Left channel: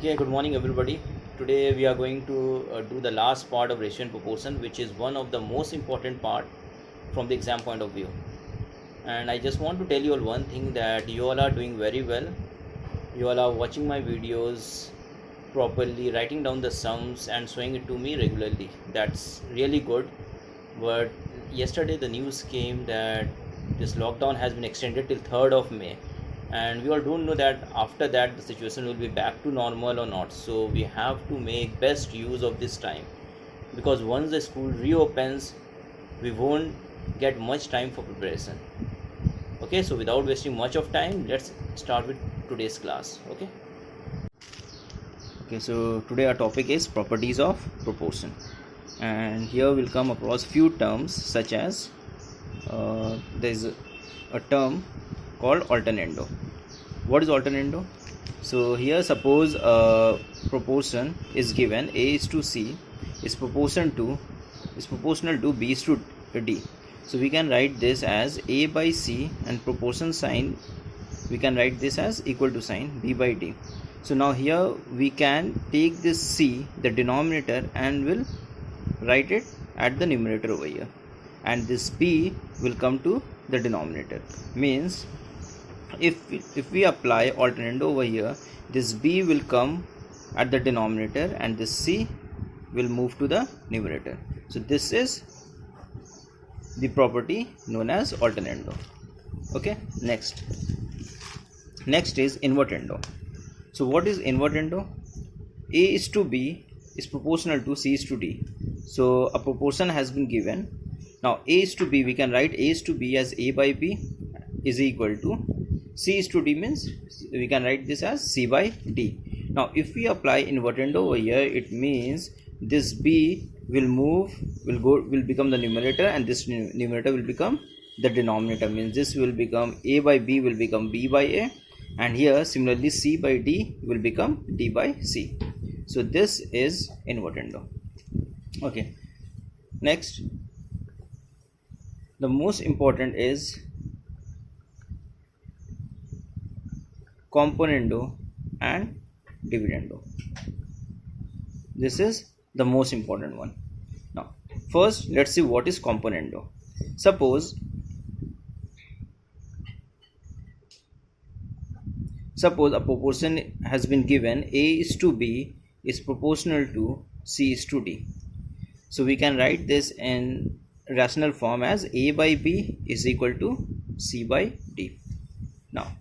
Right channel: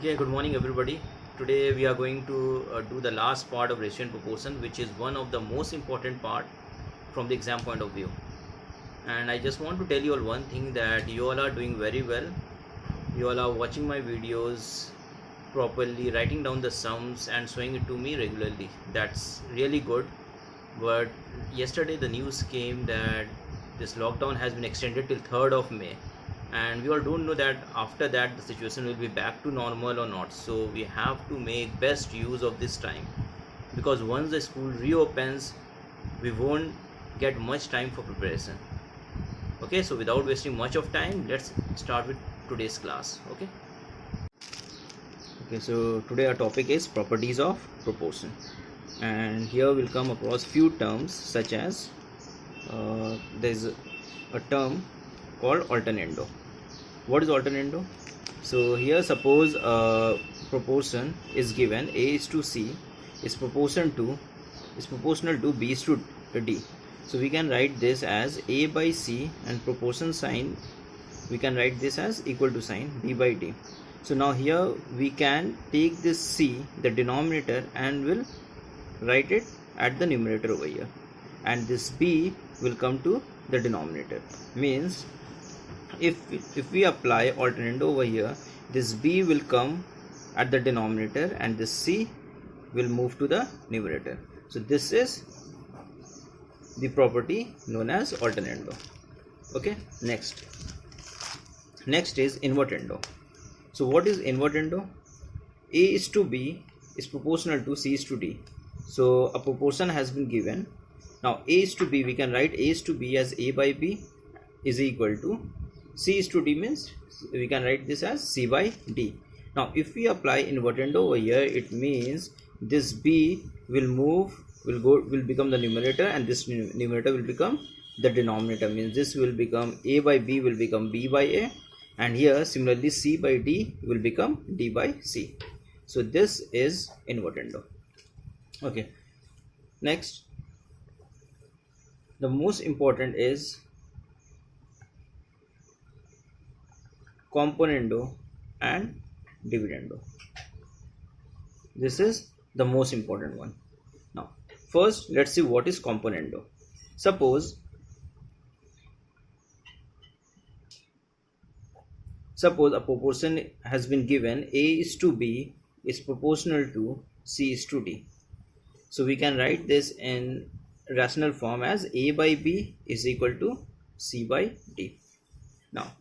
Okay, good morning everybody. Today we are going to do the last part of ratio and proportion, which is one of the most important part from the exam point of view. And I just want to tell you all one thing, that you all are doing very well. You all are watching my videos properly, writing down the sums and showing it to me regularly. That's really good. But yesterday the news came that this lockdown has been extended till 3rd of May, and we all don't know that after that the situation will be back to normal or not. So we have to make best use of this time, because once the school reopens we won't get much time for preparation. Okay, so without wasting much of time, let's start with today's class. Okay, so today our topic is properties of proportion, and here we'll come across few terms such as there's a term called alternando. What is alternando? So here suppose a proportion is given, A is to C is proportional to B is to D. So we can write this as A by C, and proportion sign we can write this as equal to sign B by D. So now here we can take this C, the denominator, and will write it at the numerator over here, and this B will come to the denominator. Means if we apply alternando over here, this B will come at the denominator and this C will move to the numerator. So this is the property known as alternando. Okay, next is invertendo. So what is invertendo? A is to B is proportional to C is to D. So a proportion has been given. Now A is to B, we can write A is to B as A by B is equal to C is to D, means we can write this as C by D. Now if we apply invertendo over here, it means this B will become the numerator, and this numerator will become the denominator. Means this will become A by B will become B by A, and here similarly C by D will become D by C. So this is invertendo. Okay, next, the most important is componendo and dividendo. This is the most important one. Now first let's see what is componendo. Suppose a proportion has been given, A is to B is proportional to C is to D. So we can write this in rational form as A by B is equal to C by D. Now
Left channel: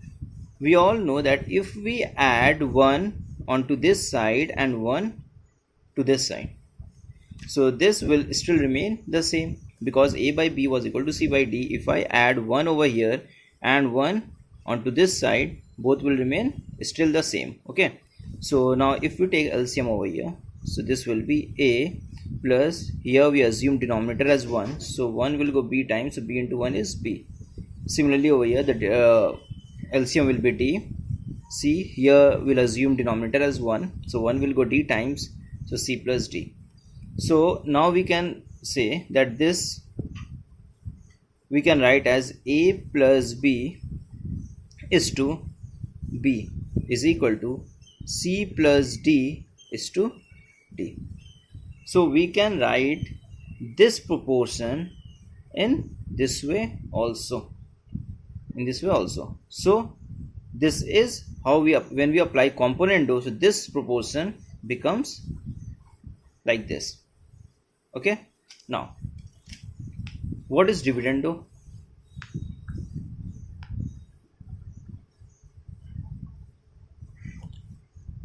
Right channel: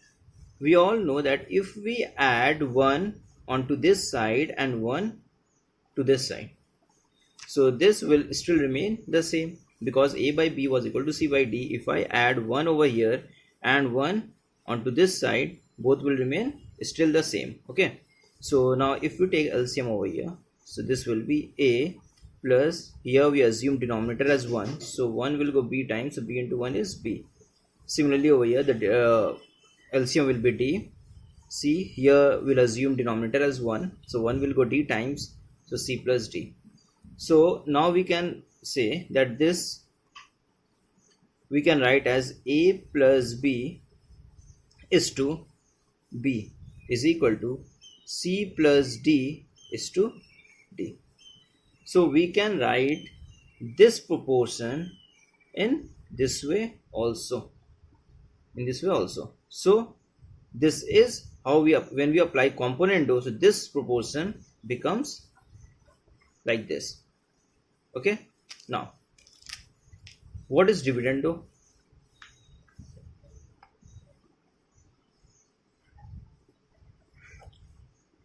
we all know that if we add 1 onto this side and 1 to this side, so this will still remain the same, because A by B was equal to C by D. If I add 1 over here and 1 onto this side, both will remain still the same. Okay, so now if you take LCM over here, so this will be A plus, here we assume denominator as 1, so 1 will go B times, so B into 1 is B. Similarly over here the LCM will be D. C, here we'll assume denominator as 1, so 1 will go D times, so C plus D. So now we can say that this we can write as A plus B is to B is equal to C plus D is to D. So we can write this proportion in this way also. So this is how when we apply componendo, so this proportion becomes like this. Okay, now what is dividendo?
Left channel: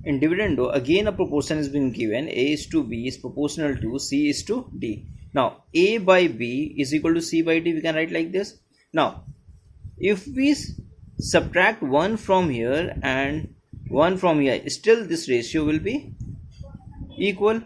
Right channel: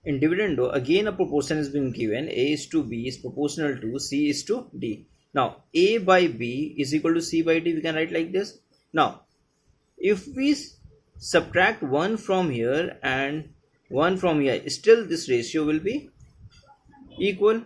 In dividendo, again a proportion has been given, A is to B is proportional to C is to D. Now A by B is equal to C by D, we can write like this. Now if we subtract 1 from here and 1 from here, still this ratio will be equal.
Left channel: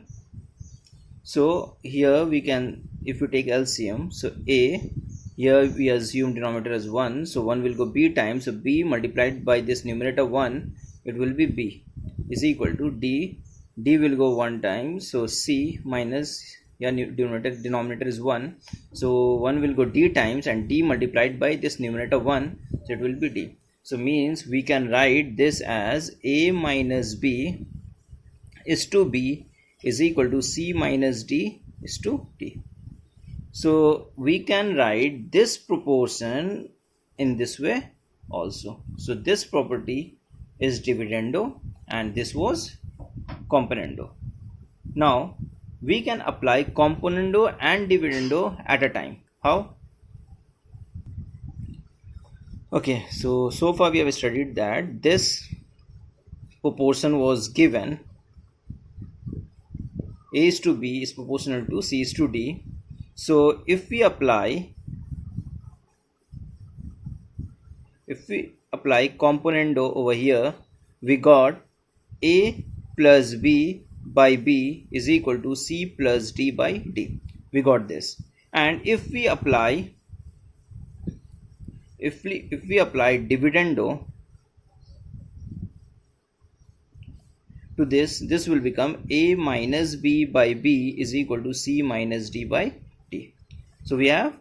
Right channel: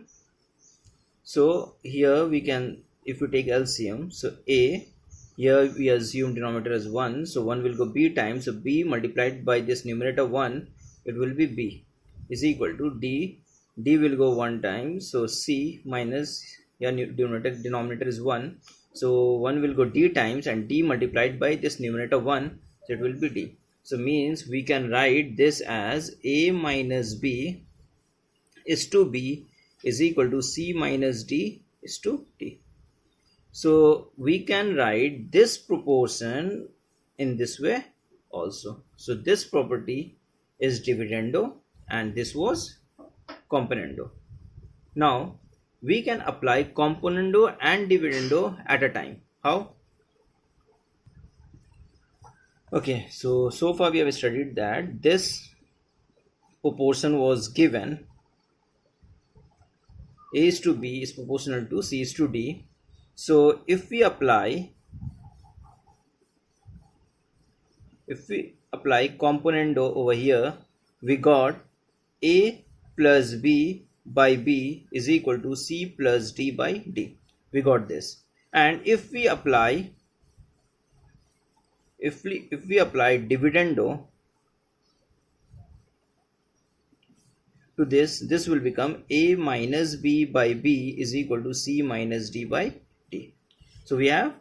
So here we can, if you take LCM, so A, here we assume denominator as 1, so 1 will go B times, so B multiplied by this numerator 1, it will be B is equal to D. D will go 1 time, so C minus, yeah, denominator is 1, so 1 will go D times, and D multiplied by this numerator 1, so it will be D. So means we can write this as A minus B is to b is equal to c minus d is to d. So we can write this proportion in this way also. So this property is dividendo and this was componendo. Now we can apply componendo and dividendo at a time. How? Okay, so far we have studied that this proportion was given a is to b is proportional to c is to d. So if we apply componendo over here, we got a plus b by b is equal to c plus d by d. We got this. And if we apply dividendo to this will become a minus b by b is equal to c minus d by d. So we have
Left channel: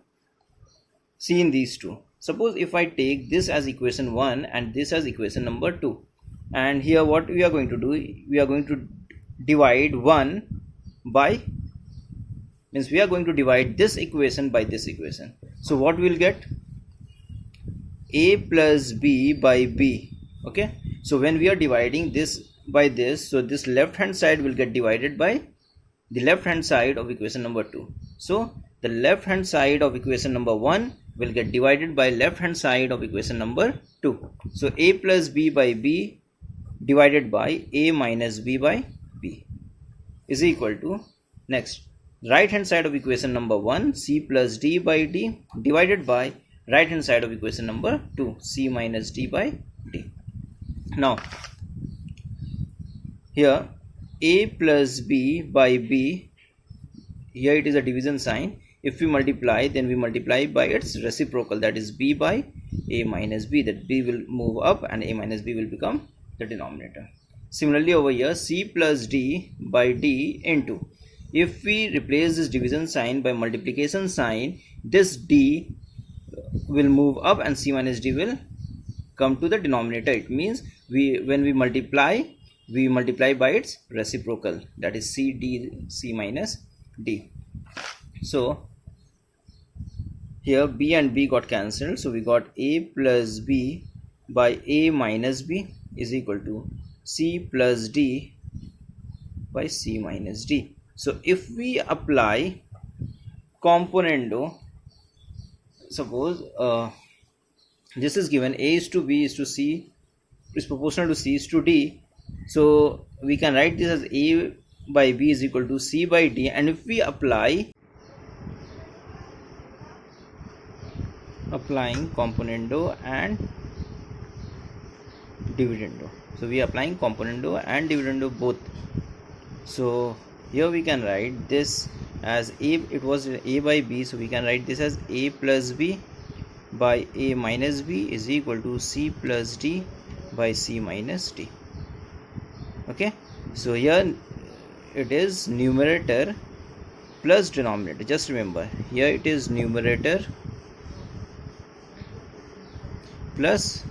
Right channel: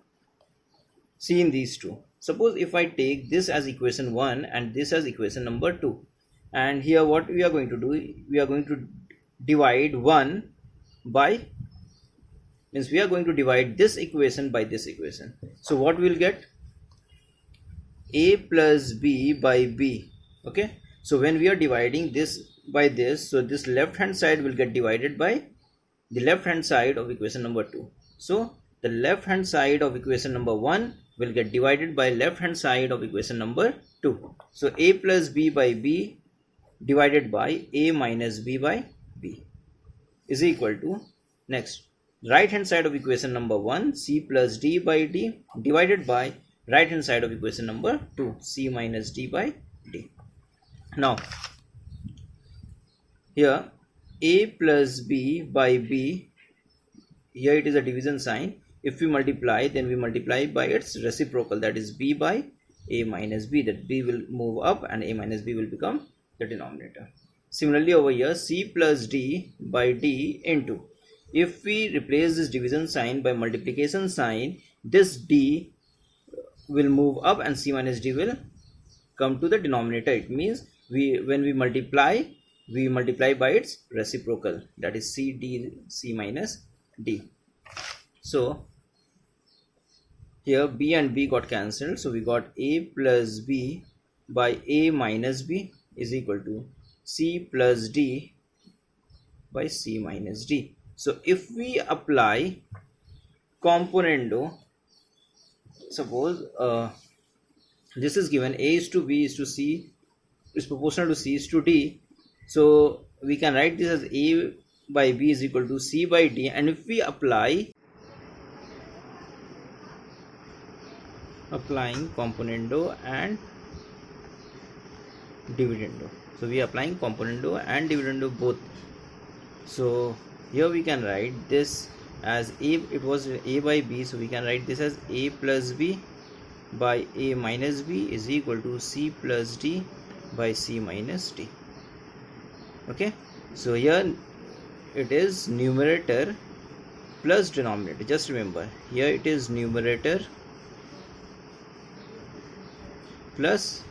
seen these two. Suppose if I take this as equation 1 and this as equation number 2, and here what we are going to do, we are going to divide 1 by, means we are going to divide this equation by this equation. So what we will get? A plus b by b. Okay, so when we are dividing this by this, so this left hand side will get divided by the left hand side of equation number 2. So the left hand side of equation number 1 will get divided by left hand side of equation number 2. So a plus b by b divided by a minus b by b is equal to, next, right hand side of equation number 1 c plus d by d divided by right hand side of equation number 2 c minus d by d. Now here a plus b by b, here it is a division sign. If we multiply, then we multiply by its reciprocal, that is b by a minus b, that b will move up and a minus b will become the denominator. Similarly over here c plus d by d into, if we replace this division sign by multiplication sign, this d will move up and c minus d will come to the denominator. It means when we multiply by its reciprocal, that is c minus d. So here b and b got cancelled, so we got a plus b by a minus b is equal to c plus d by c minus d. So if we apply componendo, suppose this is given a is to b is to c is proportional to c is to d, so we can write this as a by b is equal to c by d. And if we applying componendo and dividendo, so we are applying componendo and dividendo both. So here we can write this as a, it was a by b, so we can write this as a plus b by a minus b is equal to c plus d by c minus d. Okay, so here it is numerator plus denominator. Just remember, here it is numerator plus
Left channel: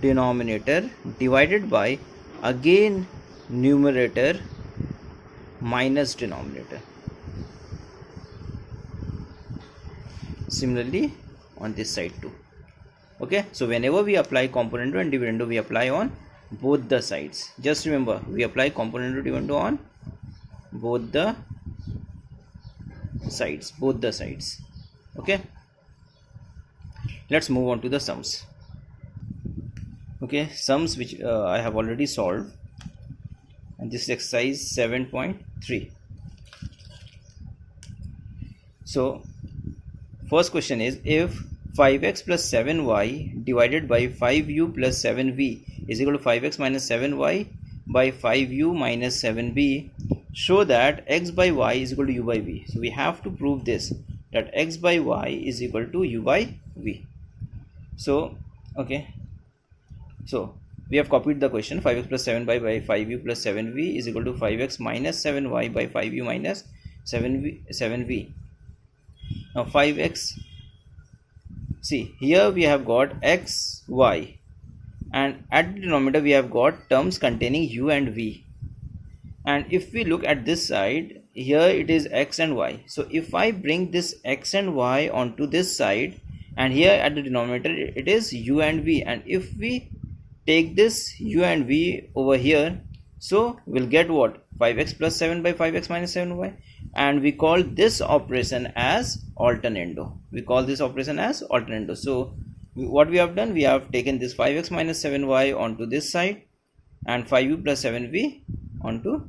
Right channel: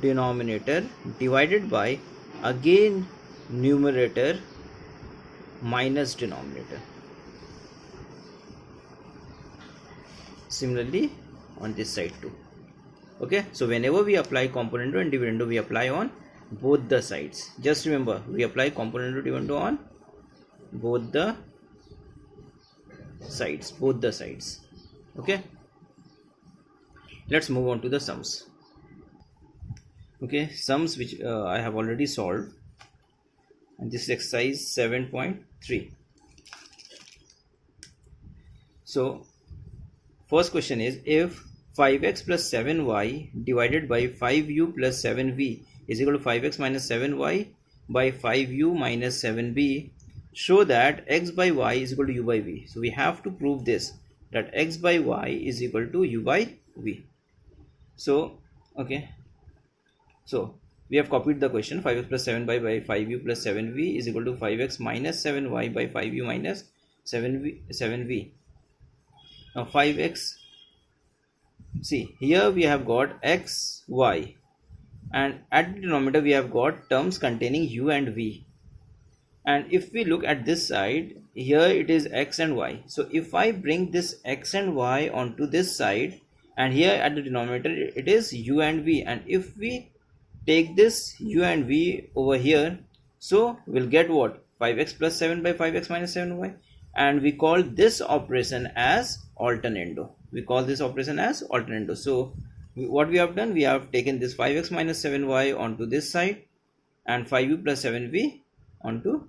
denominator divided by again numerator minus denominator. Similarly on this side too. Okay, so whenever we apply componendo and dividendo, we apply on both the sides. Just remember, we apply componendo and dividendo on both the sides. Okay, let's move on to the sums. Okay, sums which I have already solved, and this is exercise 7.3. So first question is, if 5x plus 7y divided by 5u plus 7v is equal to 5x minus 7y by 5u minus 7b, show that x by y is equal to u by v. So we have to prove this, that x by y is equal to u by v. So okay, so we have copied the question. 5x plus 7y by 5u plus 7v is equal to 5x minus 7y by 5u minus 7v. Now 5x, see here we have got x, y. and at the denominator we have got terms containing u and v. And if we look at this side, here it is x and y. So if I bring this x and y onto this side, and here at the denominator it is u and v, and if we take this u and v over here, so we'll get what? 5x plus 7 by 5x minus 7y, and we call this operation as alternando. We call this operation as alternando. So what we have done, we have taken this 5x minus 7y onto this side and 5u plus 7v onto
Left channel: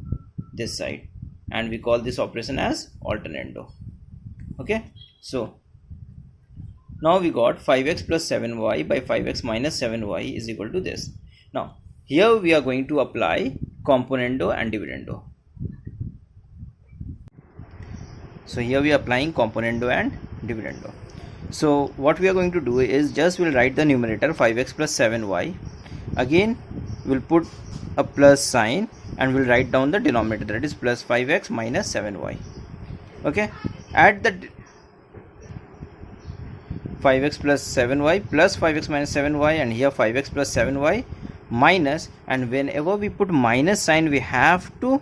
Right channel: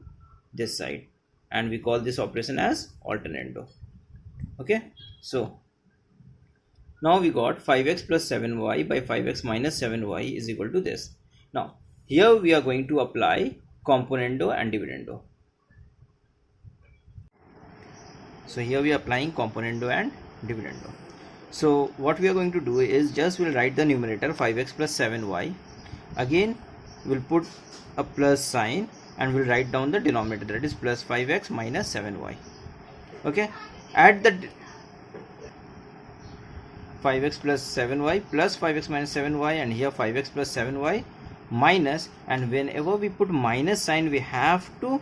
this side, and we call this operation as alternando. Okay, so now we got 5x plus 7y by 5x minus 7y is equal to this. Now here we are going to apply componendo and dividendo. So here we are applying componendo and dividendo. So what we are going to do is just we'll write the numerator 5x plus 7y. Again we'll put a plus sign and we'll write down the denominator, that is plus 5x minus 7y. Okay, add the 5x plus 7y plus 5x minus 7y, and here 5x plus 7y minus, and whenever we put minus sign we have to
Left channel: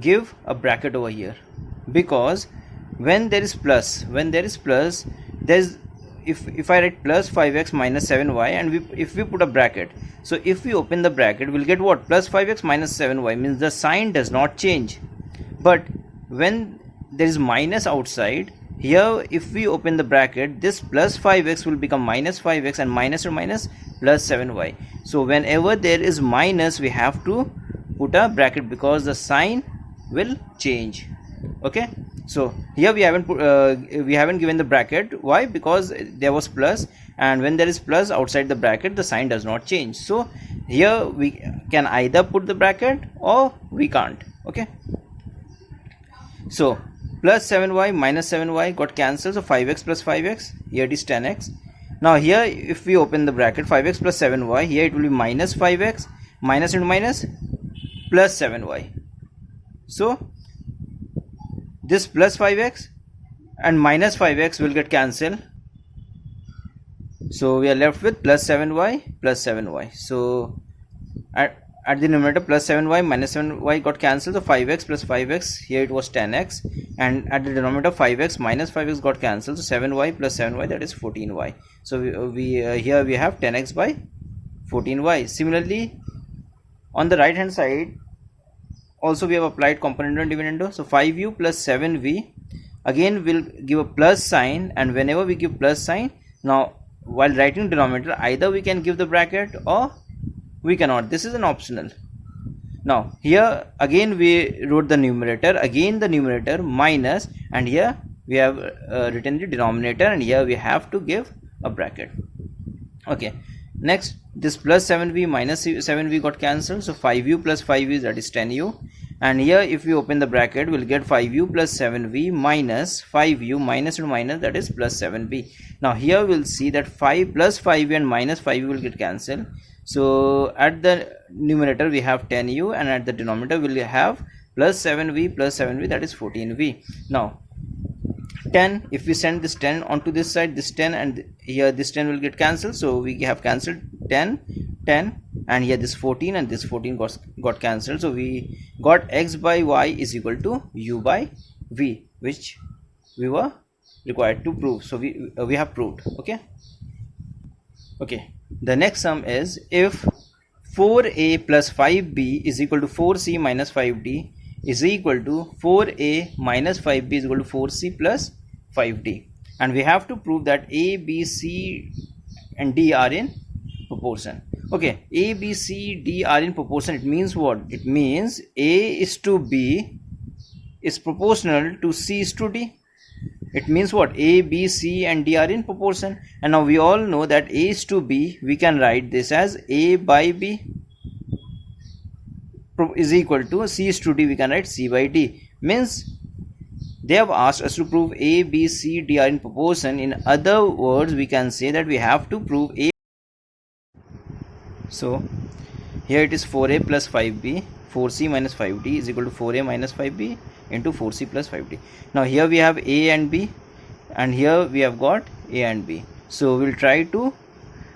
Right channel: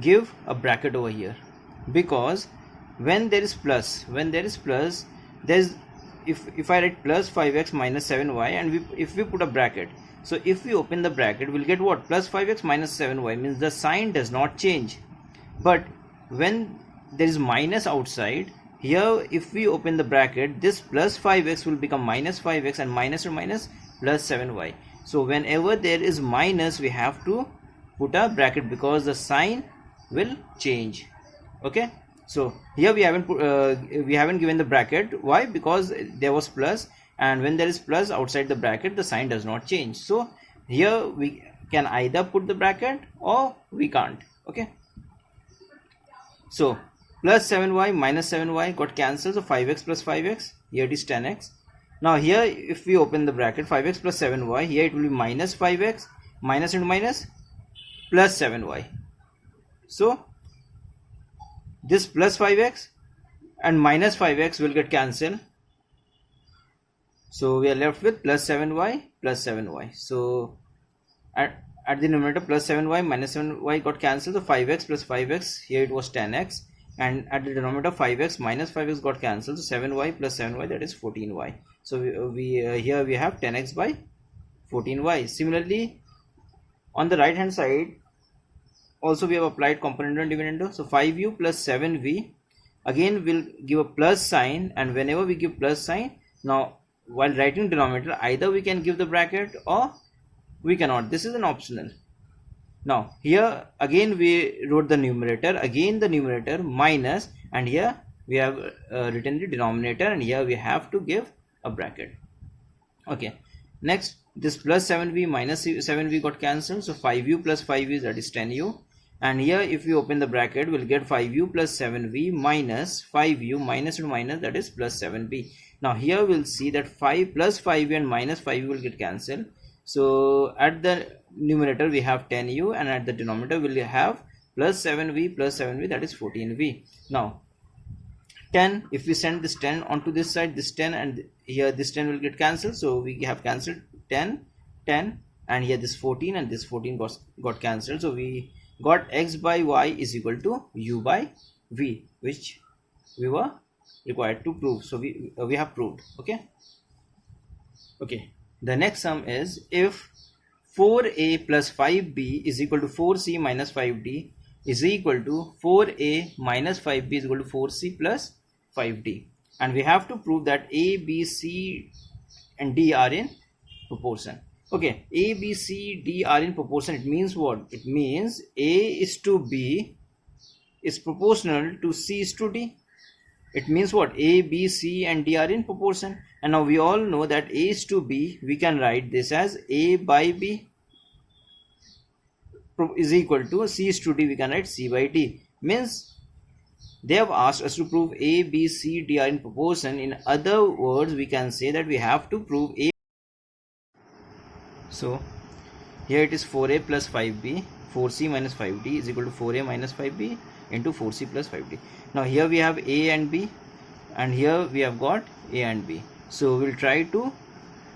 give a bracket over here, because when there is plus, there's if I write plus 5x minus 7y and if we put a bracket, so if we open the bracket we'll get what? Plus 5x minus 7y, means the sign does not change. But when there is minus outside, here if we open the bracket, this plus 5x will become minus 5x, and minus to minus plus 7y. So whenever there is minus we have to put a bracket because the sign will change. Okay, so here we haven't given the bracket. Why? Because there was plus, and when there is plus outside the bracket the sign does not change. So here we can either put the bracket or we can't. Okay, so plus 7y minus 7y got cancelled, so 5x plus 5x, here it is 10x. Now here if we open the bracket 5x plus 7y, here it will be minus 5x, minus into minus plus 7y. So this plus 5x and minus 5x will get cancelled, so we are left with plus 7y plus 7y. So at the numerator plus 7y minus 7y got cancelled, so 5x plus 5x, here it was 10x, and at the denominator 5x minus 5x got cancelled, so 7y plus 7y, that is 14y. So here we have 10x by 14y. Similarly on the right hand side also we have applied componendo and dividendo. So 5u plus 7v, again we'll give a plus sign, and whenever we give plus sign, now while writing denominator either we can give the bracket or we cannot. This is an optional. Now here again we wrote the numerator, again the numerator minus, and here we have written the denominator, and here we have to give a bracket. Okay, next this plus 7v minus 7v got cancelled, so 5u plus 5v, that is 10u, and here if we open the bracket we'll get 5u plus 7v minus 5u, minus to minus, that is plus 7v. Now here we'll see that 5 plus 5v and minus 5v will get cancelled, so at the numerator we have 10u, and at the denominator we'll have plus 7v, that is 14v. Now 10, if we send this 10 onto this side, this 10 and here this 10 will get cancelled, so we have cancelled 10, and here this 14 and this 14 got cancelled, so we got x by y is equal to u by v, which we were required to prove. So we have proved. Okay, the next sum is if 4a plus 5b is equal to 4c minus 5d is equal to 4a minus 5b is equal to 4c plus 5d, and we have to prove that a, b, c and d are in proportion. Okay, a, b, c, d are in proportion. It means what? It means a is to b is proportional to c is to d. It means what? A, B, C and D are in proportion. And now we all know that A is to B, we can write this as A by B is equal to C is to D, we can write C by D. Means they have asked us to prove A, B, C, D are in proportion. In other words, we can say that we have to prove A. So here it is 4A plus 5B, 4C minus 5D is equal to 4A minus 5B into 4C plus 5D. Now here we have A and B, and here we have got A and B. So we'll try to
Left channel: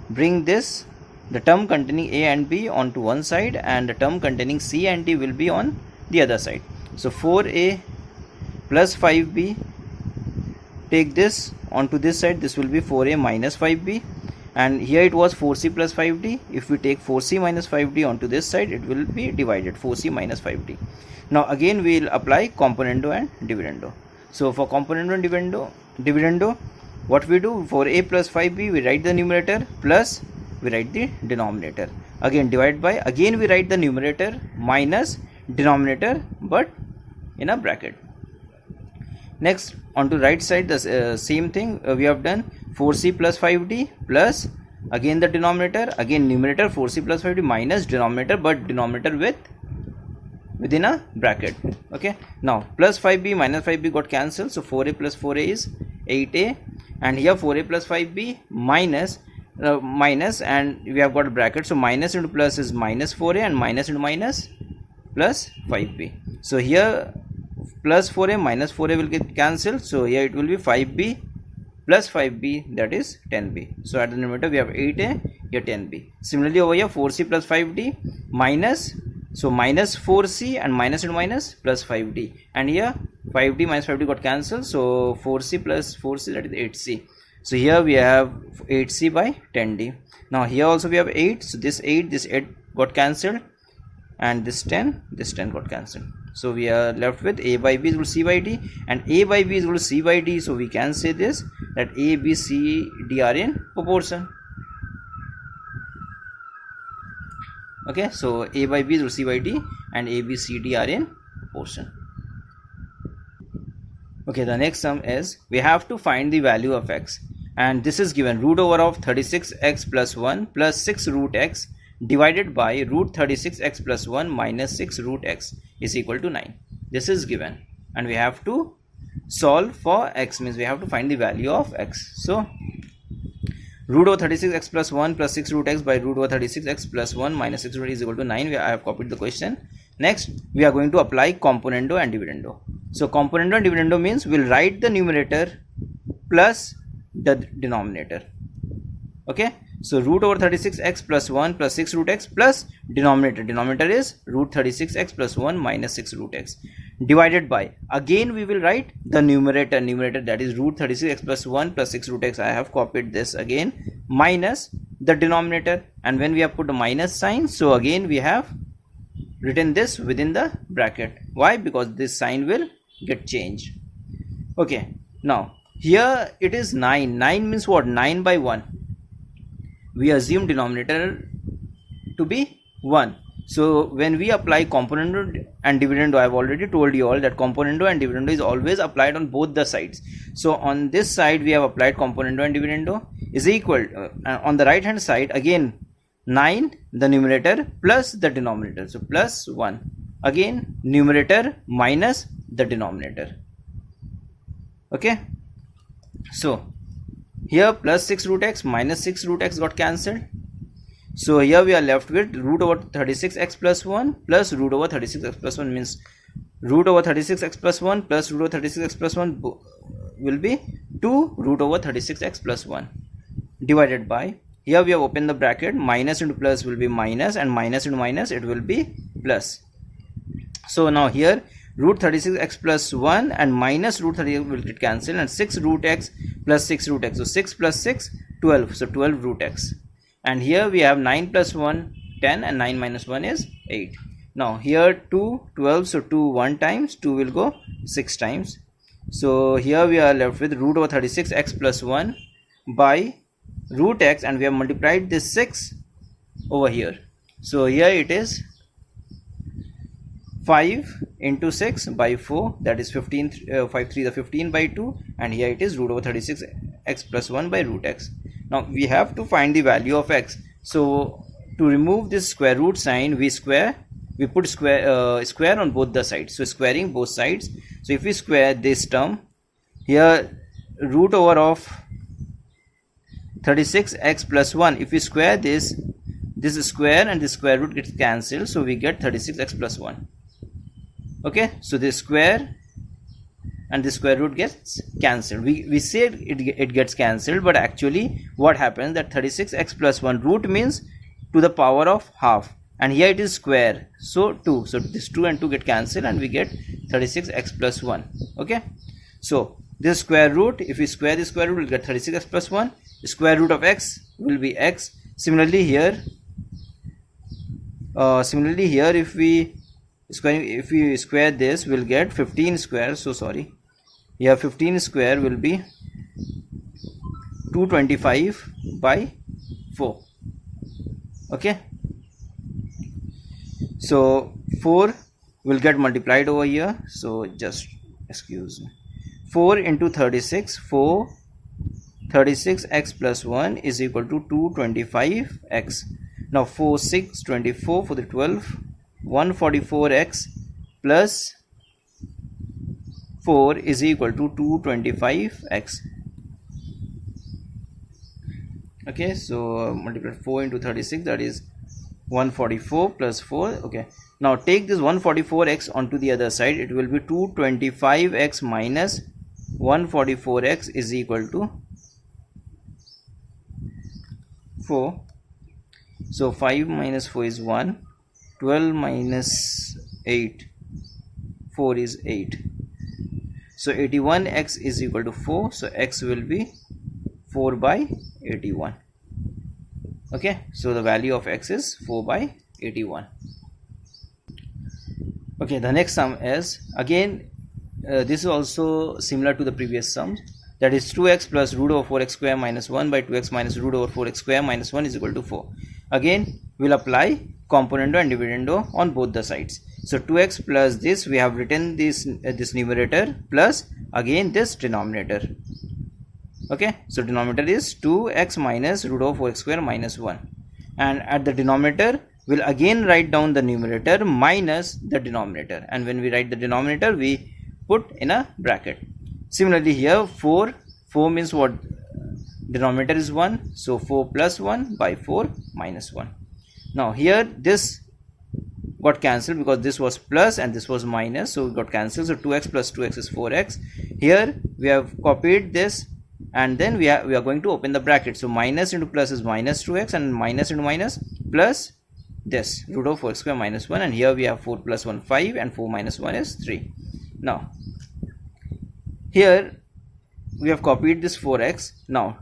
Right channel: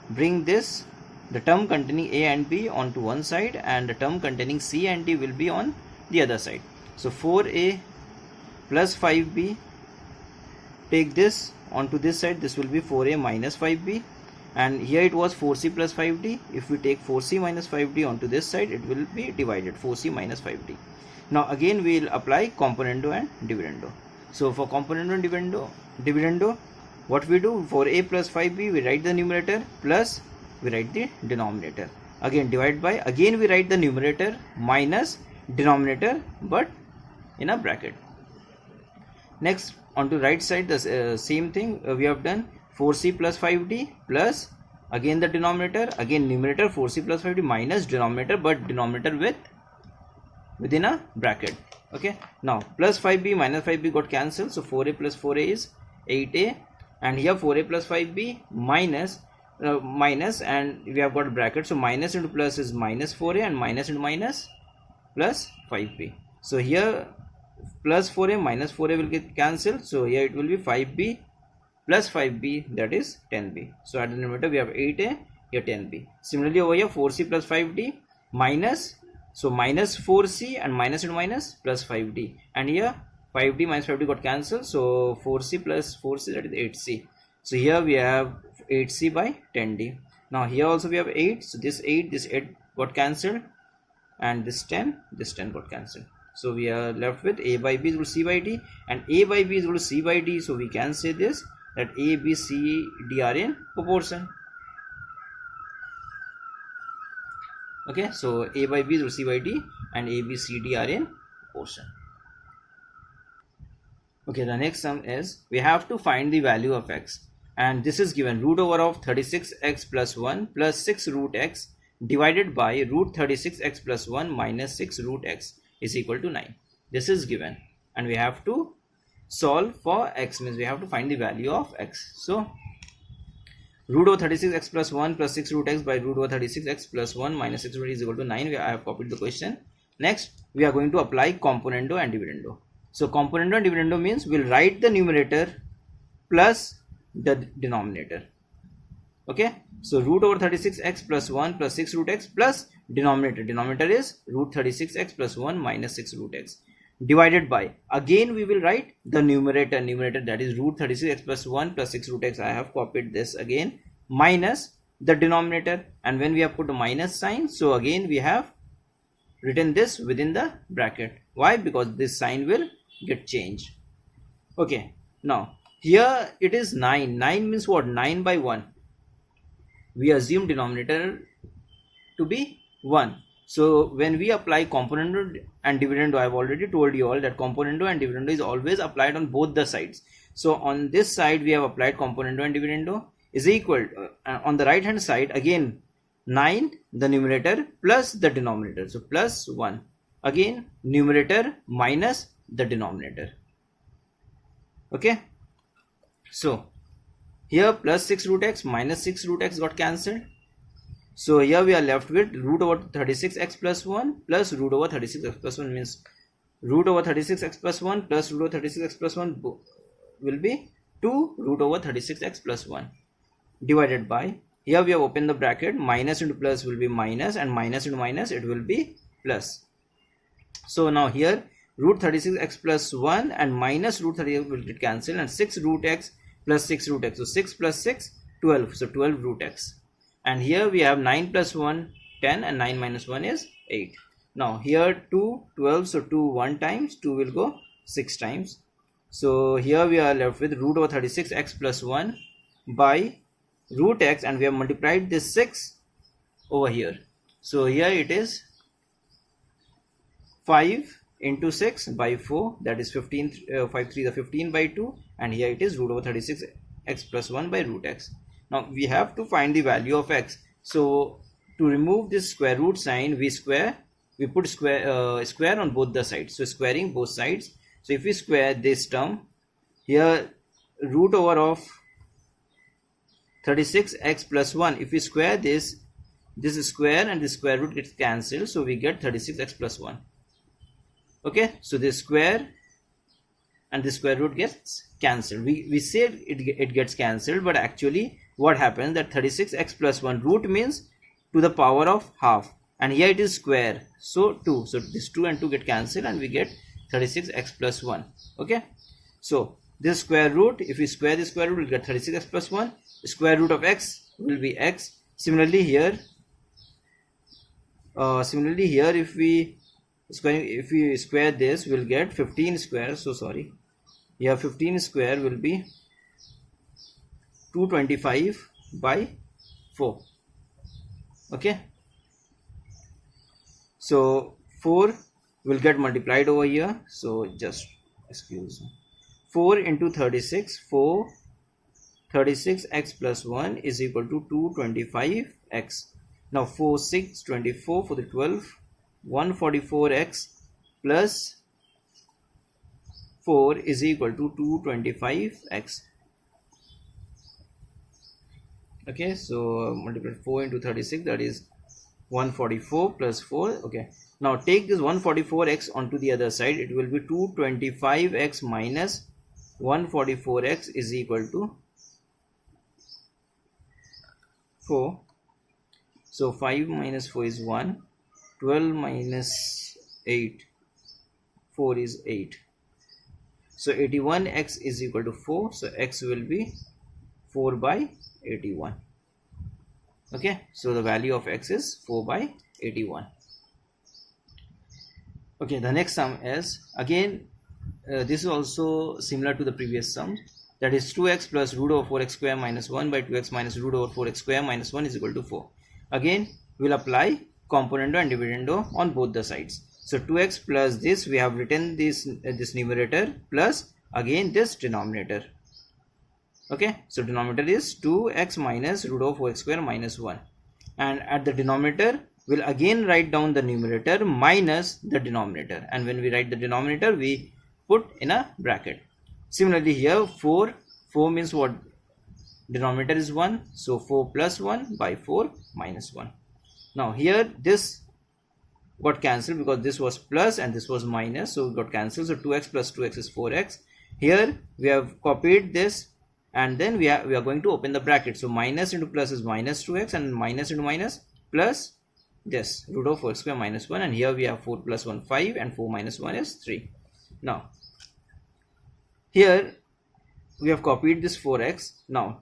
bring this the term containing a and b onto one side, and the term containing c and d will be on the other side. So 4a plus 5b, take this onto this side, this will be 4a minus 5b, and here it was 4c plus 5d. If we take 4c minus 5d onto this side, it will be divided 4c minus 5d. Now again we will apply componendo and dividendo. So for componendo and dividendo, what we do, for a plus 5b we write the numerator plus we write the denominator. Again divide by, again we write the numerator minus denominator but in a bracket. Next on to right side, the same thing we have done, 4c plus 5d plus again the denominator, again numerator 4c plus 5d minus denominator but denominator within a bracket. Okay, now plus 5b minus 5b got cancelled, so 4a plus 4a is 8a, and here 4a plus 5b minus and we have got a bracket, so minus into plus is minus 4a and minus into minus plus 5b. So here plus 4a minus 4a will get cancelled, so here it will be 5b plus 5b, that is 10b. So at the numerator we have 8a, here 10b. Similarly over here 4c plus 5d minus, so minus 4c and minus into minus plus 5d, and here 5d minus 5d got cancelled, so 4c plus 4c, that is 8c. So here we have 8c by 10d. Now here also we have 8, so this 8 got cancelled, and this 10 got cancelled. So we are left with a by b is equal to c by d, and a by b is equal to c by d. So we can say this, that a, b, c, d are in proportion. Okay, so a by b is equal to c by d, and a, b, c, d are in proportion. Okay, the next sum is, we have to find the value of x, and this is given root over of 36x plus 1 plus 6 root x divided by root 36x plus 1 minus 6 root x is equal to 9. This is given, and we have to solve for x, means we have to find the value of x. So root over 36x plus 1 plus 6 root x by root over 36x plus 1 minus 6 root x is equal to 9. I have copied the question. Next we are going to apply componendo and dividendo. So componendo and dividendo means we'll write the numerator plus the denominator. Okay, so root over 36x plus 1 plus 6 root x plus denominator is root 36x plus 1 minus 6 root x divided by, again we will write the numerator, that is root 36x plus 1 plus 6 root x. I have copied this again, minus the denominator, and when we have put a minus sign, so again we have written this within the bracket. Why? Because this sign will get changed. Okay, now here it is 9 means what? 9 by 1. We assume denominator to be 1. So when we apply componendo and dividendo, I have already told you all that componendo and dividendo is always applied on both the sides. So on this side we have applied componendo and dividendo is equal, on the right hand side again 9 the numerator plus the denominator, so plus 1, again numerator minus the denominator. Okay, so here plus 6 root x minus 6 root x got cancelled. So here we are left with root over 36x plus 1 plus root over 36x plus 1, means root over 36x plus 1 plus root over 36x plus 1 will be 2 root over 36x plus 1 divided by, here we have opened the bracket, minus into plus will be minus, and minus into minus it will be plus. So now here root 36x plus 1 and minus root 36 will get cancelled, and 6 root x plus 6 root x, so 6 plus 6 12, so 12 root x, and here we have 9 plus 1 10, and 9 minus 1 is 8. Now here 2 12, so 2 1 times, 2 will go 6 times. So here we are left with root over 36x plus 1 by root x, and we have multiplied this 6 over here. So here it is 5 into 6 by 4, that is 15, 5 3 the 15 by 2, and here it is root over 36x plus 1 by root x. Now we have to find the value of x. So to remove this square root sign, we put square on both the sides, so squaring both sides. So if we square this term, here root over of 36x plus 1, if we square this square and this square root gets cancelled, so we get 36x plus 1. Okay, so this square and the square root gets cancelled. We said it gets cancelled, but actually what happens, that 36x plus 1 root means to the power of half, and here it is square, so 2. So this 2 and 2 get cancelled and we get 36x plus 1. Okay, so this square root, if we square the square root, we'll get 36x plus 1. The square root of x will be x. Similarly here if we square this, we'll get 15 square. So sorry, here 15 square will be 225 by 4. Okay, so 4 will get multiplied over here, so just excuse me, 4 into 36, 36x plus 1 is equal to 225x. Now 4 6 24 for the 12, 144x plus 4 is equal to 225x. Okay, so multiply 4 into 36, that is 144 plus 4. Okay, now take this 144x onto the other side, it will be 225x minus 144x is equal to 4. So 5 minus 4 is 1, 12 minus 8, 4 is 8. So 81x is equal to 4, so x will be 4 by 81. Okay, so the value of x is 4 by 81. Okay, the next sum is again this is also similar to the previous sums, that is 2x plus root over 4x square minus 1 by 2x minus root over 4x square minus 1 is equal to 4. Again we'll apply componendo and dividendo on both the sides. So 2x plus this, we have written this numerator plus again this denominator. Okay, so denominator is 2x minus root over 4x square minus 1, and at the denominator we'll again write down the numerator minus the denominator, and when we write the denominator we put in a bracket. Similarly here 4 means what, denominator is 1, so 4 plus 1 by 4 minus 1. Now here this got cancelled because this was plus and this was minus, so it got cancelled. So 2x plus 2x is 4x. Here we have copied this and then we are going to open the bracket. So minus into plus is minus 2x, and minus into minus plus this root of 4 square minus 1, and here we have 4 plus 1 5 and 4 minus 1 is 3. Now here we have copied this 4x. Now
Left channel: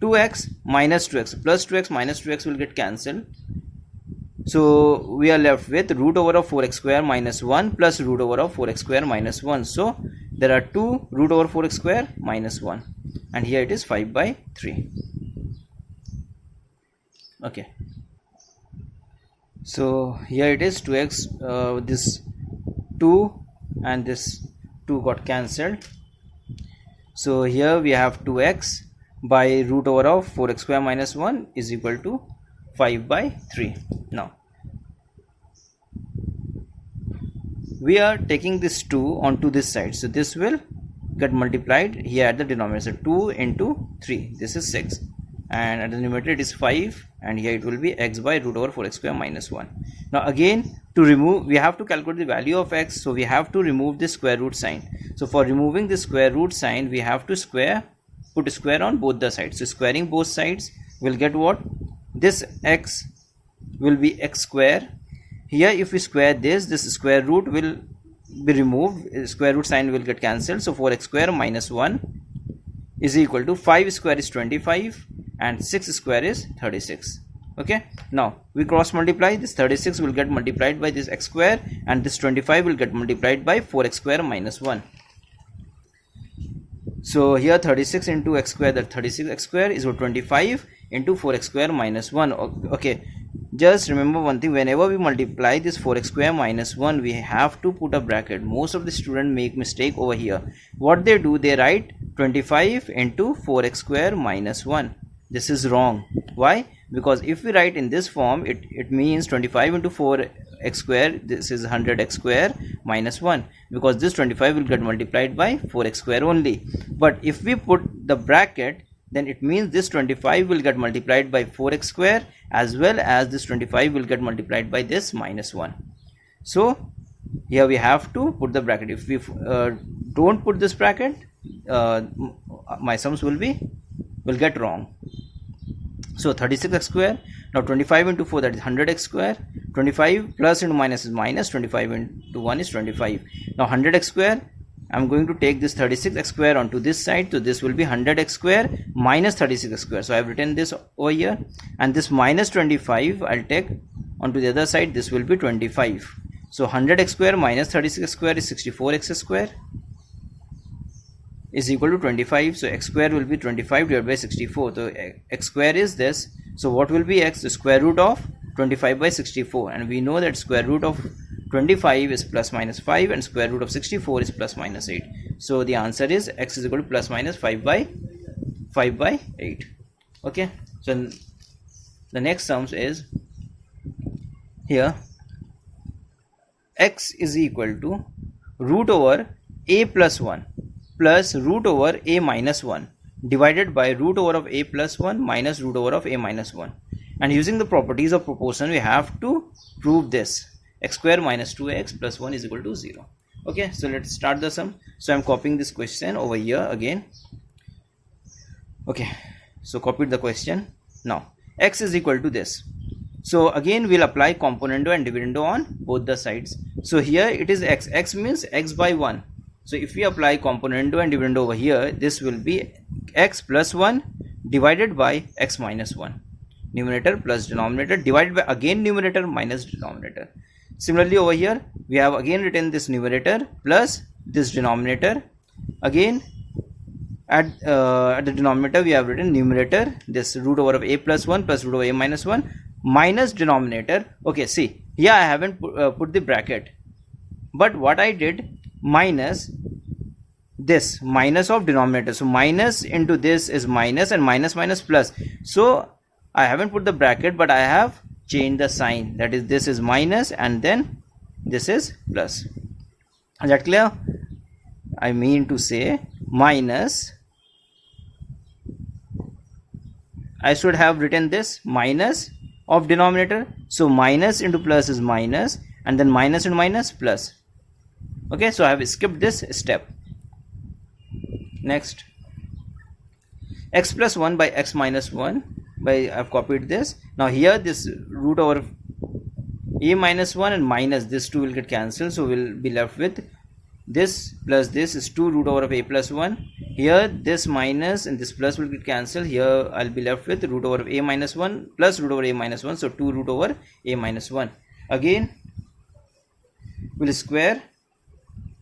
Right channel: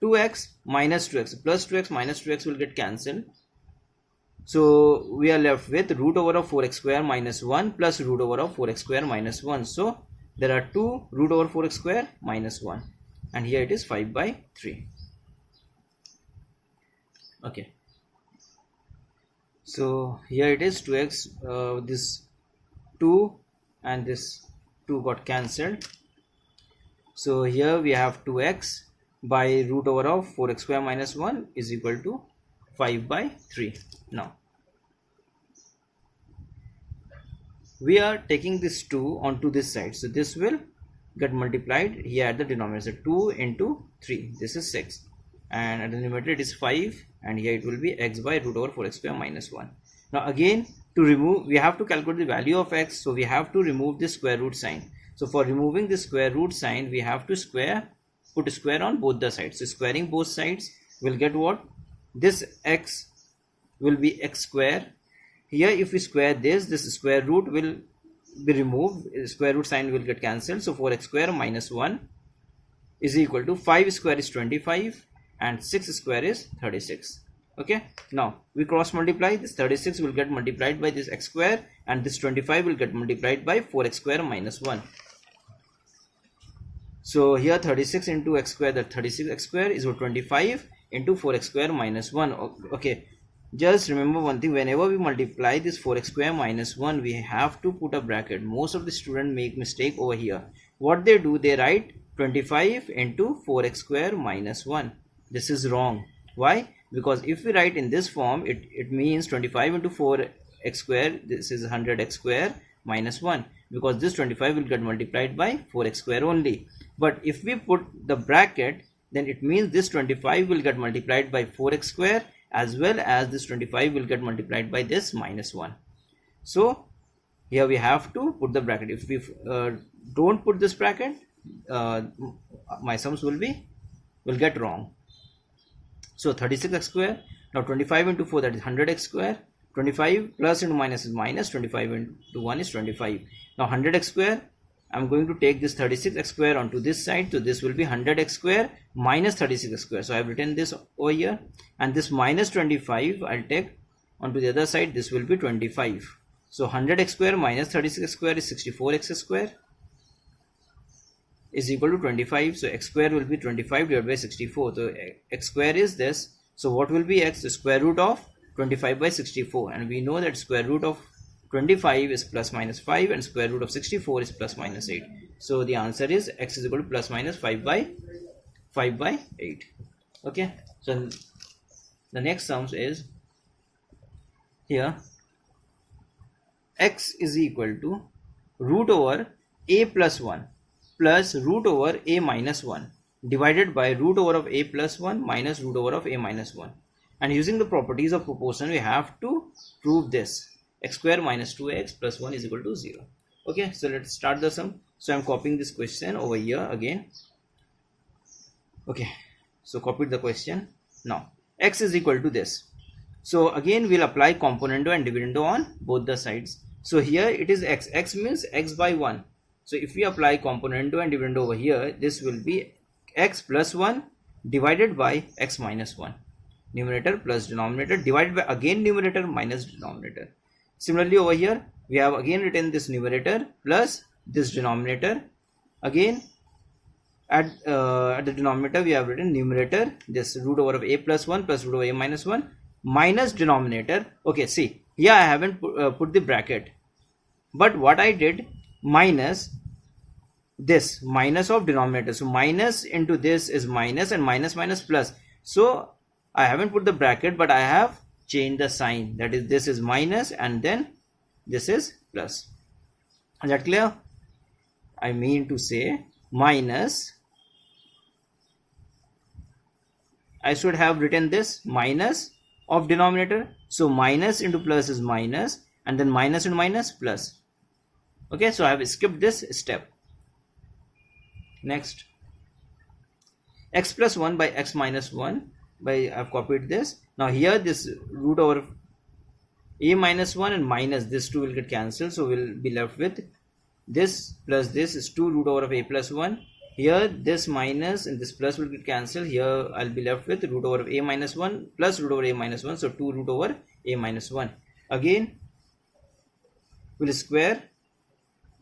2x minus 2x plus 2x minus 2x will get cancelled, so we are left with root over of 4x square minus 1 plus root over of 4x square minus 1. So there are 2 root over 4x square minus 1, and here it is 5 by 3. Okay, so here it is 2x, this 2 and this 2 got cancelled. So here we have 2x by root over of 4x square minus 1 is equal to 5 by 3. Now we are taking this 2 onto this side, so this will get multiplied here at the denominator. So 2 into 3, this is 6, and at the numerator it is 5, and here it will be x by root over 4x square minus 1. Now again to remove, we have to calculate the value of x, so we have to remove this square root sign. So for removing the square root sign, we have to put a square on both the sides. So squaring both sides will get what? This x will be x square. Here if we square this square root will be removed, square root sign will get cancelled. So 4x square minus 1 is equal to 5 square is 25 and 6 square is 36. Okay, now we cross multiply, this 36 will get multiplied by this x square, and this 25 will get multiplied by 4x square minus 1. So here 36 into x square, that 36x square is 25 into 4x square minus 1. Okay, just remember one thing, whenever we multiply this 4x square minus 1, we have to put a bracket. Most of the students make mistake over here. What they do, they write 25 into 4x square minus 1. This is wrong. Why? Because if we write in this form, it means 25 into 4x square, this is 100x square minus 1, because this 25 will get multiplied by 4x square only. But if we put the bracket, then it means this 25 will get multiplied by 4x square, as well as this 25 will get multiplied by this minus 1. So here we have to put the bracket. If we don't put this bracket, my sums will get wrong. So 36x square. Now 25 into 4, that is 100x square. 25 plus into minus is minus. 25 into 1 is 25. Now 100x square, I'm going to take this 36x square onto this side. So this will be 100x square minus 36x square. So I have written this over here. And this minus 25 I'll take onto the other side. This will be 25. So 100x square minus 36x square is 64x square is equal to 25. So x square will be 25 divided by 64. So x square is this. So what will be x? The square root of 25 by 64. And we know that square root of 25 is plus minus 5 and square root of 64 is plus minus 8. So the answer is x is equal to plus minus 5 by 8. Okay. So the next sum is here x is equal to root over a plus 1 plus root over a minus 1 divided by root over of a plus 1 minus root over of a minus 1. And using the properties of proportion, we have to prove this. X square minus 2x plus 1 is equal to 0. Okay, so let's start the sum. So I'm copying this question over here again. Okay, so copied the question. Now x is equal to this. So again we'll apply componendo and dividendo on both the sides. So here it is x. X means x by 1. So if we apply componendo and dividendo over here, this will be x plus 1 divided by x minus 1. Numerator plus denominator divided by again numerator minus denominator. Similarly over here we have again written this numerator plus this denominator. Again at the denominator we have written numerator, this root over of a plus 1 plus root over a minus 1 minus denominator. Okay, see here I haven't put the bracket, but what I did, minus this, minus of denominator. So minus into this is minus and minus minus plus. So I haven't put the bracket, but I have changed the sign. That is, this is minus and then this is plus. Is that clear? I mean to say minus, I should have written this minus of denominator. So minus into plus is minus and then minus into minus plus. Okay, so I have skipped this step. Next, x plus 1 by x minus 1 by, I have copied this. Now here this root over a minus 1 and minus this 2 will get cancelled. So we'll be left with this plus this is 2 root over of a plus 1. Here this minus and this plus will get cancelled. Here I'll be left with root over of a minus 1 plus root over a minus 1. So 2 root over a minus 1. Again we'll square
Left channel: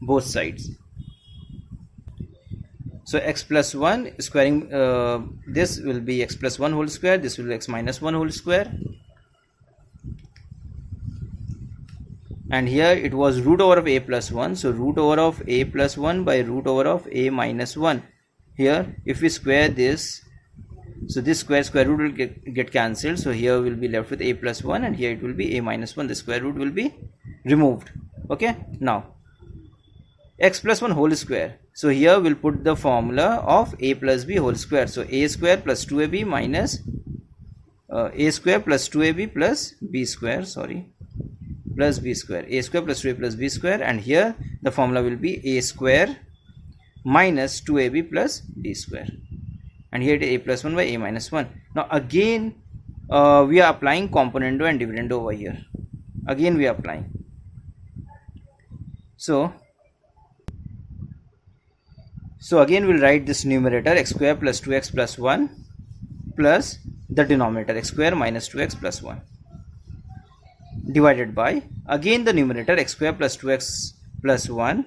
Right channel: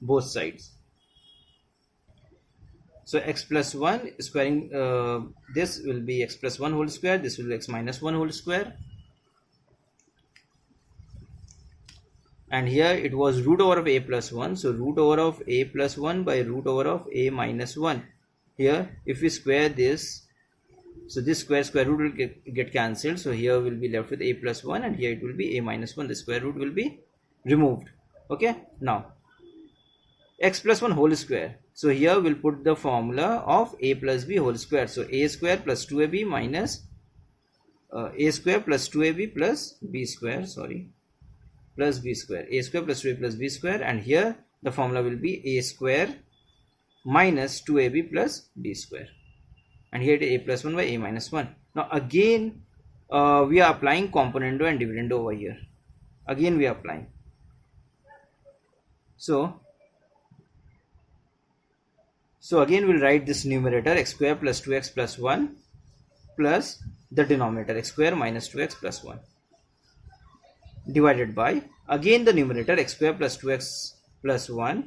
both sides. So x plus 1 squaring this will be x plus 1 whole square, this will be x minus 1 whole square, and here it was root over of a plus 1. So root over of a plus 1 by root over of a minus 1. Here if we square this, so this square root will get cancelled. So here we'll be left with a plus 1 and here it will be a minus 1. The square root will be removed. Okay, now x plus 1 whole square. So here we'll put the formula of a plus b whole square. So a square plus 2ab minus a square plus 2ab plus b square, plus b square. A square plus 2a plus b square, and here the formula will be a square minus 2ab plus b square. And here it is a plus 1 by a minus 1. Now again we are applying componendo and dividendo over here. Again we are applying. So again we'll write this numerator x square plus 2x plus 1 plus the denominator x square minus 2x plus 1 divided by again the numerator x square plus 2x plus 1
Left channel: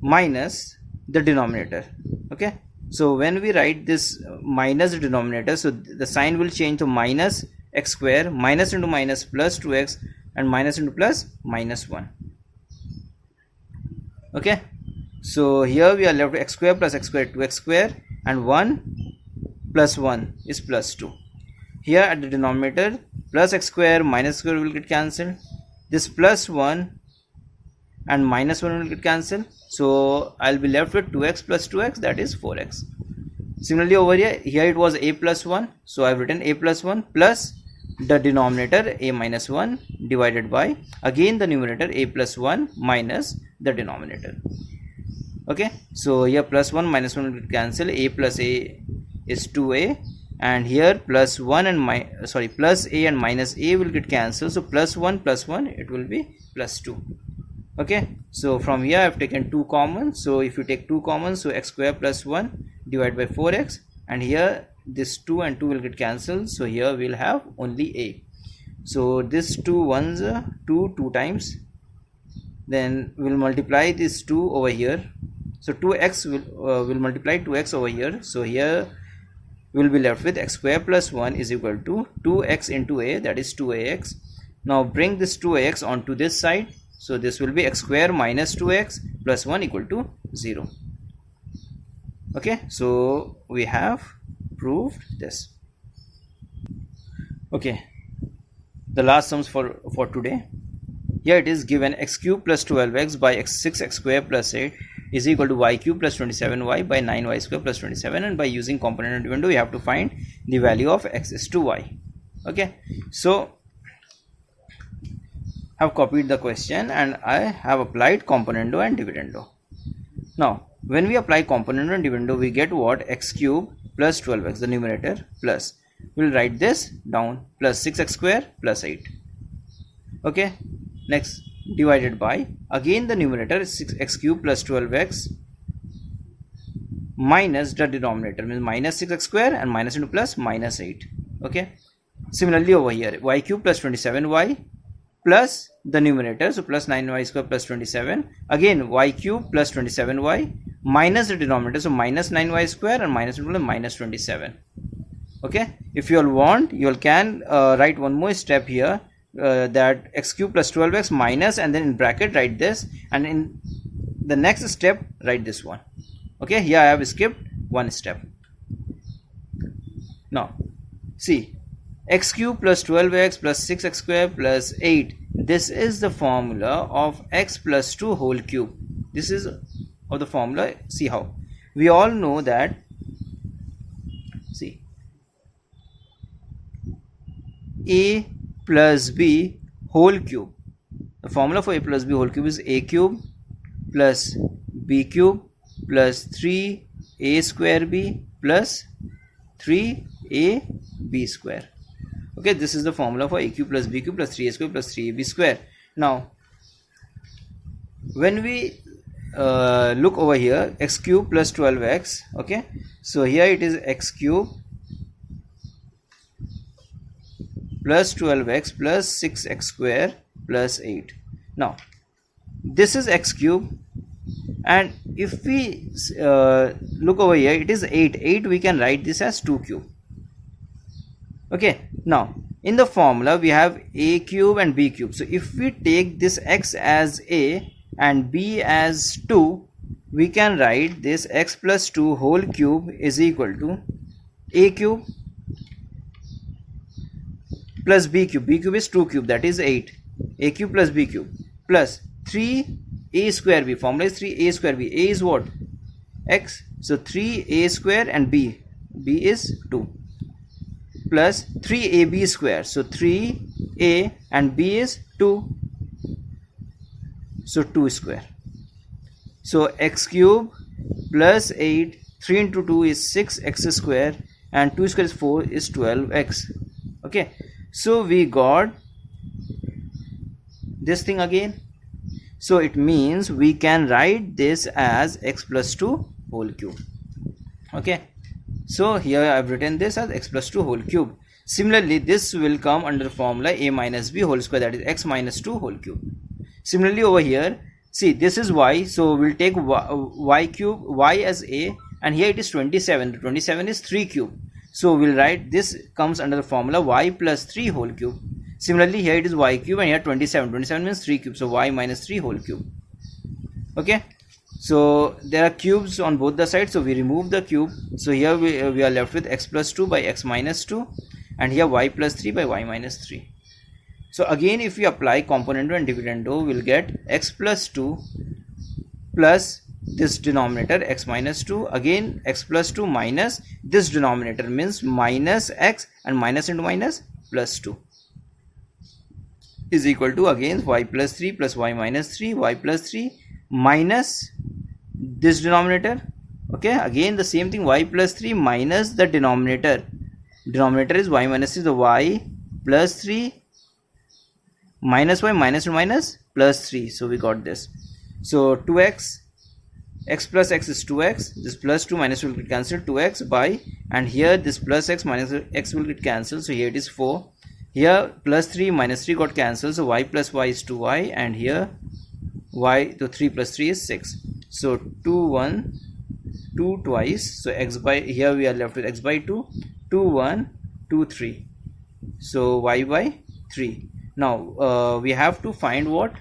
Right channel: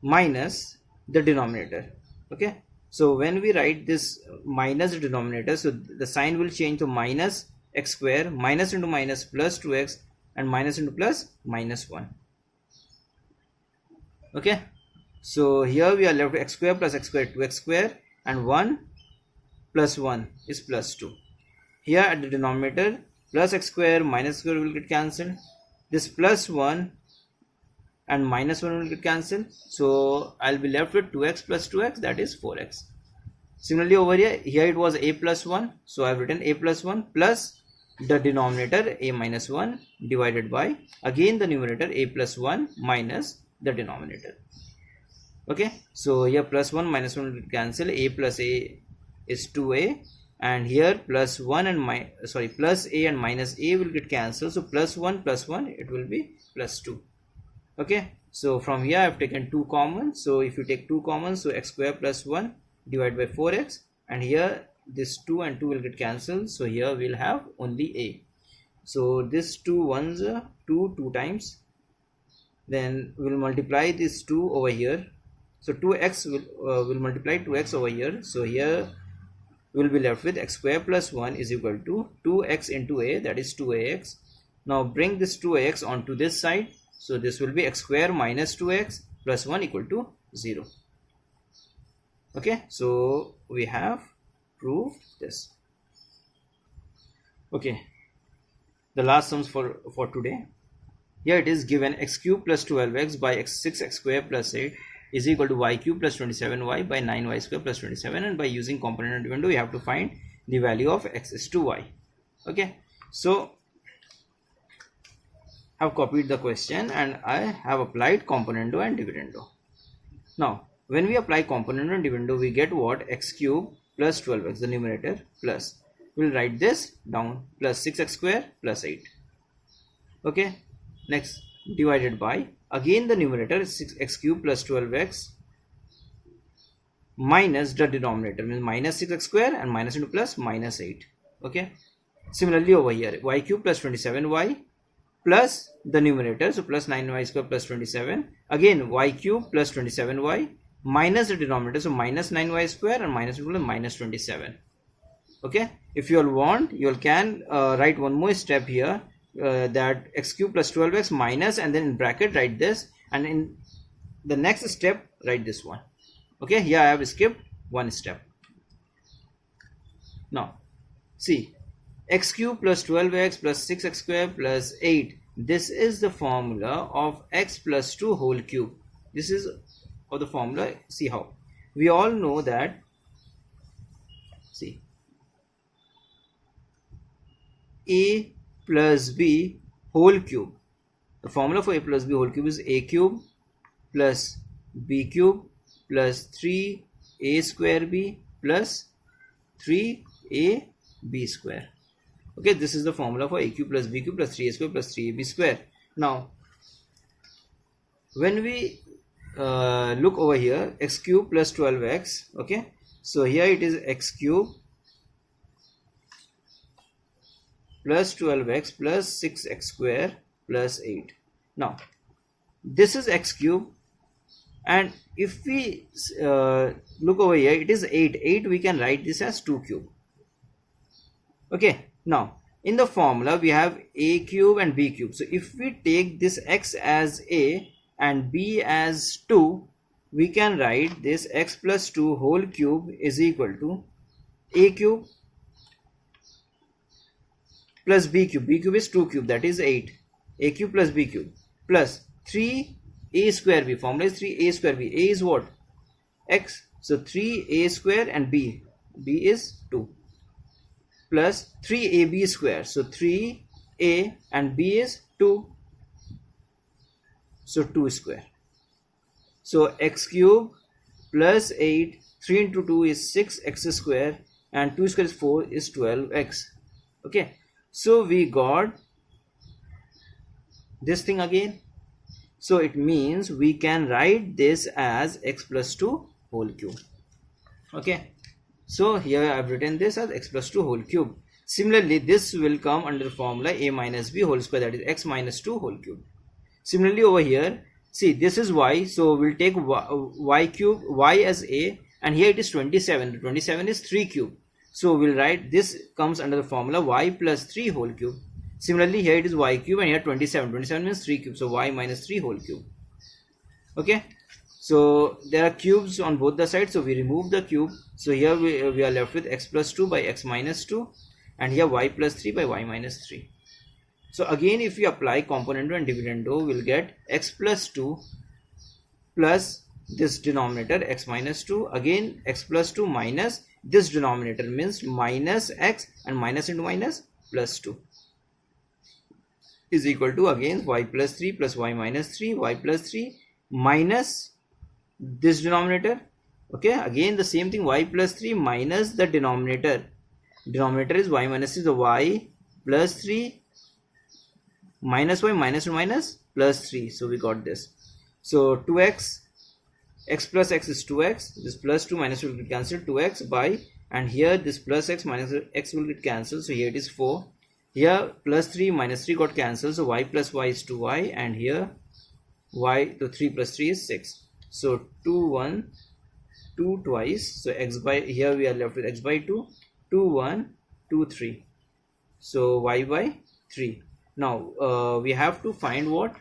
minus the denominator. Okay, so when we write this minus the denominator, so the sign will change to minus x square, minus into minus plus 2x, and minus into plus minus 1. Okay, so here we are left with x square plus x square 2x square, and 1 plus 1 is plus 2. Here at the denominator, plus x square minus square will get cancelled. This plus 1 and minus 1 will get cancelled. So I'll be left with 2x plus 2x, that is 4x. Similarly over here it was a plus 1. So I've written a plus 1 plus the denominator a minus 1 divided by again the numerator a plus 1 minus the denominator. Okay, so here plus 1 minus 1 will cancel, a plus a is 2a, and here plus 1 and plus a and minus a will get cancelled, so plus 1 it will be plus 2. Okay, so from here I have taken 2 common, so if you take 2 common, so x square plus 1 divided by 4x, and here this 2 and 2 will get cancelled, so here we'll have only a. So this 2 ones 2 times, then we'll multiply this 2 over here, so 2x will multiply 2x over here, so here we'll be left with x square plus 1 is equal to 2x into a, that is 2ax. Now bring this 2ax onto this side, so this will be x square minus 2x plus 1 equal to 0. Okay, so we have proved this. Okay, the last sums for today. Here it is given x cube plus 12x by 6x square plus 8 is equal to y cube plus 27y by 9y square plus 27, and by using component and dividend we have to find the value of x is to y. Okay, so I have copied the question and I have applied componendo and dividendo. Now when we apply componendo and dividendo, we get what? X cube plus 12x, the numerator, plus, we'll write this down, plus 6x square plus 8. Okay, next divided by, again the numerator is 6x cube plus 12x minus the denominator, means minus 6x square, and minus into plus minus 8. Okay, similarly over here y cube plus 27y plus the numerator, so plus 9y square plus 27, again y cube plus 27y minus the denominator, so minus 9y square and minus into minus 27. Okay, if you all want, you all can write one more step here, that x cube plus 12x minus, and then in bracket write this, and in the next step write this one. Okay, here I have skipped one step. Now see, x cube plus 12x plus 6x square plus 8, this is the formula of x plus 2 whole cube. This is of the formula. See how we all know that, see, a plus b whole cube, the formula for a plus b whole cube is a cube plus b cube plus 3a square b plus 3ab square. Okay, this is the formula for a cube plus b cube plus 3a square plus 3ab square. Now when we look over here, x cube plus 12x, okay, so here it is x cube plus 12x plus 6x square plus 8. Now this is x cube, and if we look over here, it is 8 we can write this as 2 cube. Okay, now in the formula we have a cube and b cube, so if we take this x as a and b as 2, we can write this x plus 2 whole cube is equal to a cube plus b cube is 2 cube, that is 8, a cube plus b cube plus 3a square b, formula is 3a square b, a is what? X, so 3a square, and b is 2, plus 3ab square, so 3a and b is 2, so 2 square. So x cube plus 8, 3 into 2 is 6x square, and 2 square is 4 is 12x. Okay, so we got this thing again, so it means we can write this as x plus 2 whole cube. Okay, so here I have written this as x plus 2 whole cube. Similarly, this will come under the formula a minus b whole square, that is x minus 2 whole cube. Similarly over here, see, this is y, so we'll take y cube, y as a, and here it is 27, 27 is 3 cube, so we'll write this comes under the formula y plus 3 whole cube. Similarly here it is y cube, and here 27 means 3 cube, so y minus 3 whole cube. Okay, so there are cubes on both the sides, so we remove the cube, so here we are left with x plus 2 by x minus 2, and here y plus 3 by y minus 3. So again, if we apply componendo and dividendo, we'll get x plus 2 plus this denominator x minus 2, again x plus 2 minus this denominator, means minus x, and minus into minus plus 2 is equal to again y plus 3 plus y minus 3, y plus 3 minus this denominator, Okay, again the same thing, y plus 3 minus the denominator is y minus 3, so y plus 3 minus y minus 2 minus plus 3, so we got this. So 2x, x plus x is 2x, this plus 2 minus 2 will get cancelled, 2x by, and here this plus x minus x will get cancelled, so here it is 4. Here plus 3 minus 3 got cancelled, so y plus y is 2y, and here y, so 3 plus 3 is 6. So 2 1, 2 twice, so x by, here we are left with x by 2, 2 1, 2 3, so y by 3. Now we have to find what?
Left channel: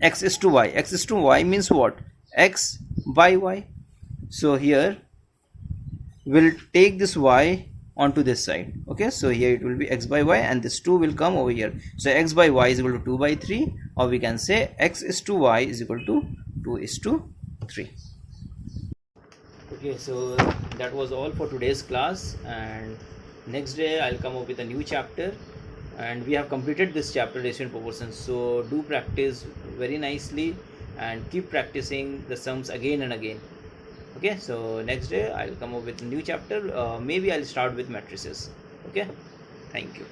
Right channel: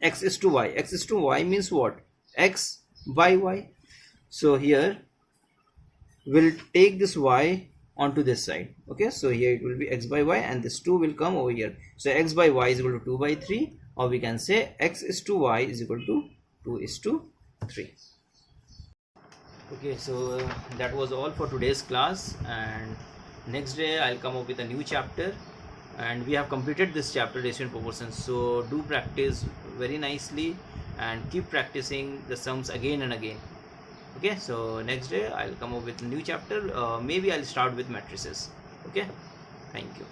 X is to y. X is to y means what? X by y. So here we'll take this y onto this side. Okay, so here it will be x by y, and this 2 will come over here. So x by y is equal to 2 by 3, or we can say x is to y is equal to 2 is to 3. Okay, so that was all for today's class, and next day I'll come up with a new chapter, and we have completed this chapter, ratio and proportions. So do practice very nicely and keep practicing the sums again and again. Okay, so next day I'll come up with a new chapter. Maybe I'll start with matrices. Okay, thank you.